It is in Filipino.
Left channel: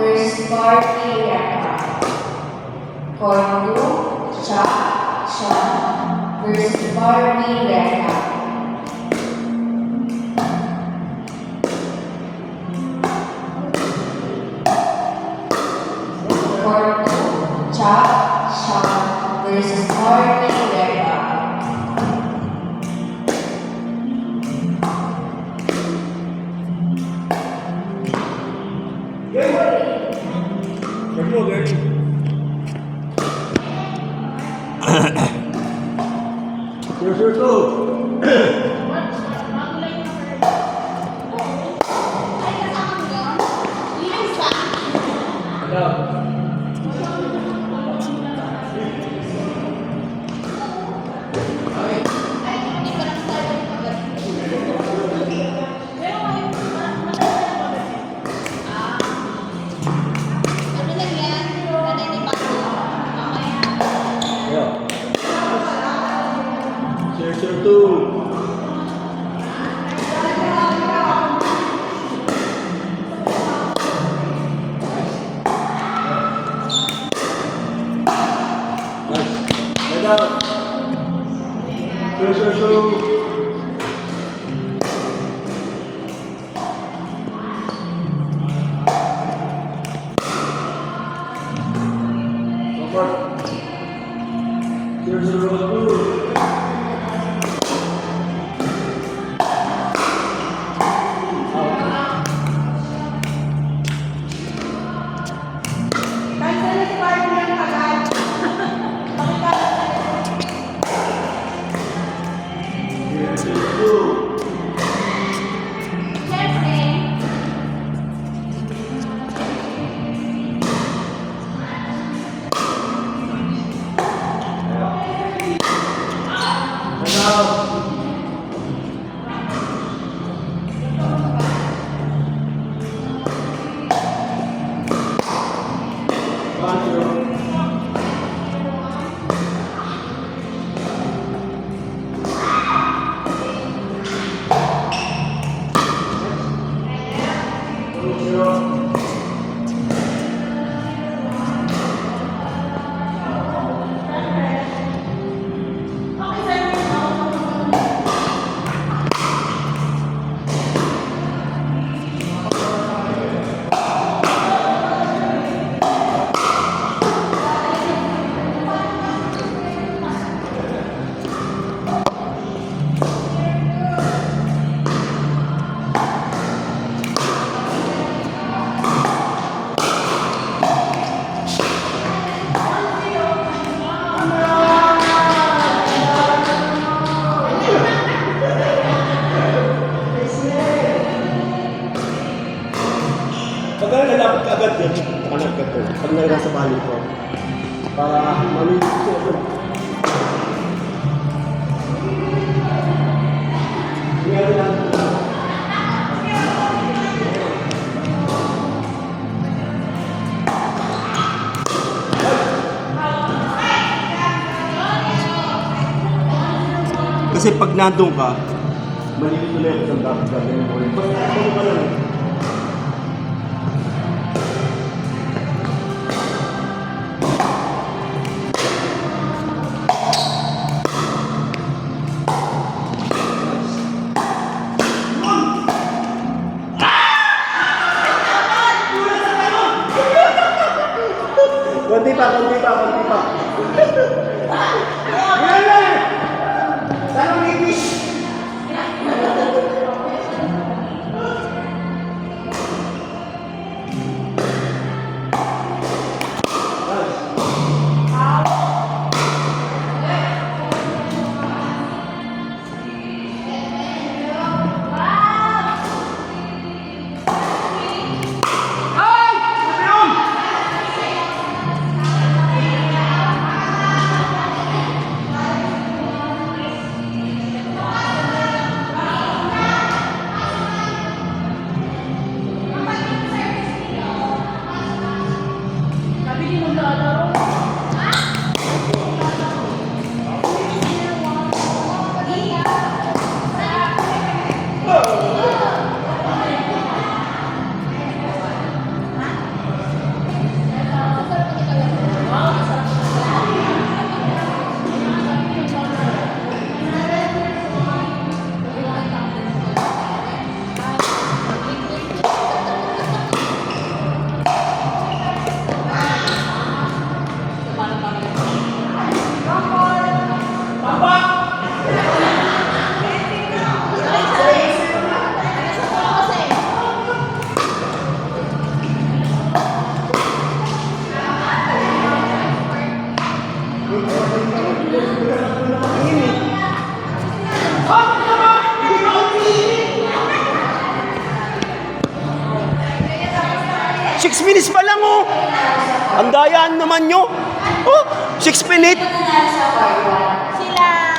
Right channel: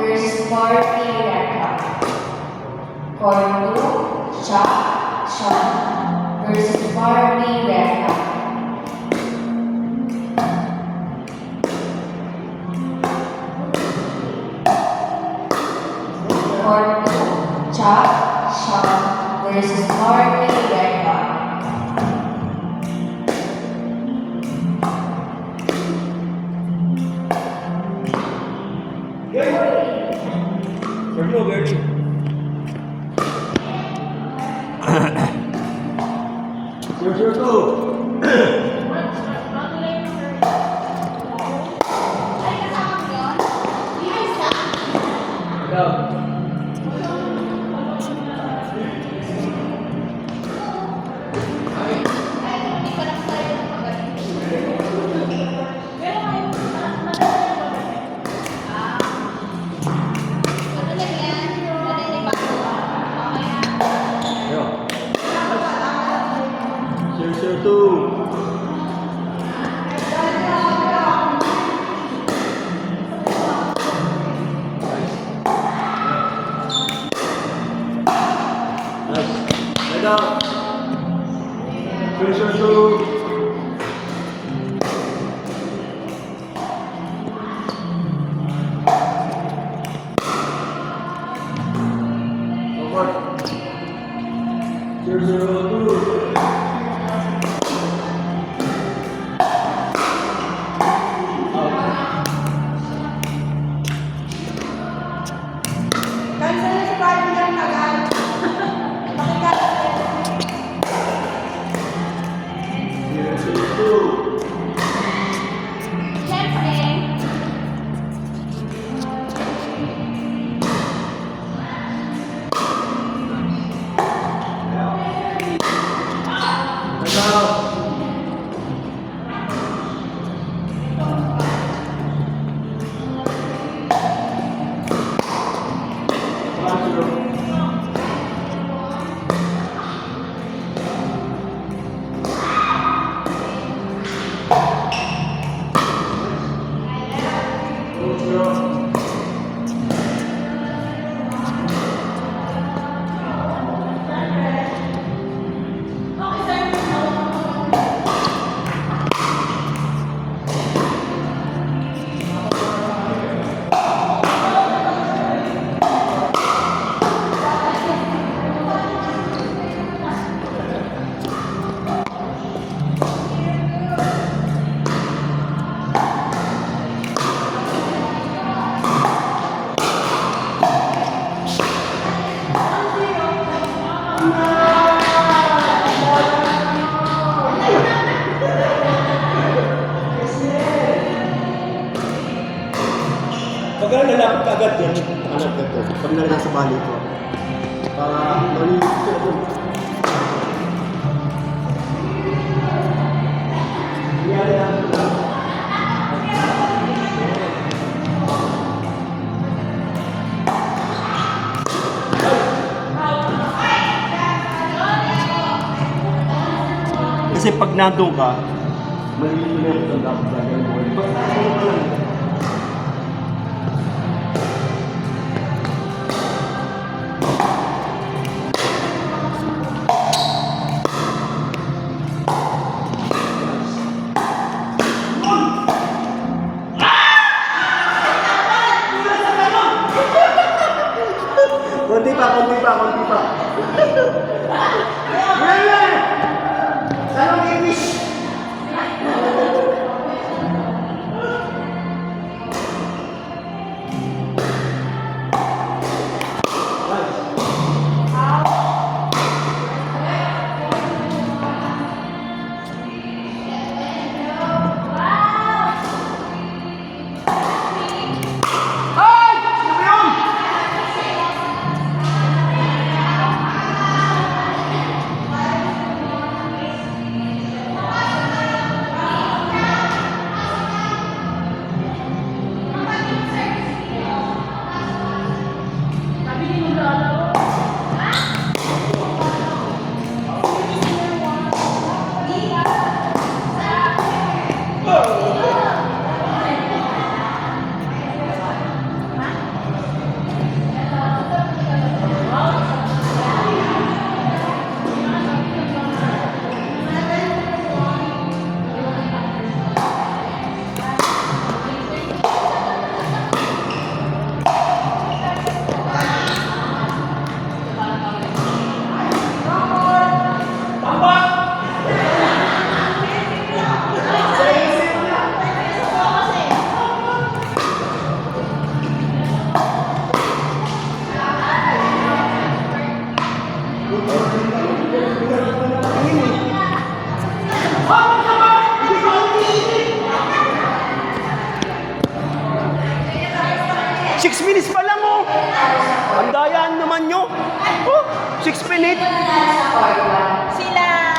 versus Barbie Reka. Court 2, Cha Sean versus Barbie Reka. Sure, too. Sure, too. Down. Pressure two. Pag lalapit ka agad yan, agad ka to. Pag nalagyan sa bali ko. Para malinis ko ako. Iyali lang. Kasi pag nandun ka, malilito na yung kung dapat gagawin mo. Basta ako ka lang. Konti pa. Saan ang ipis? Ayun eh. 6 minutes pa lang oh. Ang dayaan naman nyo. Oh, 6 minutes. Nanalo sa part 1. Sila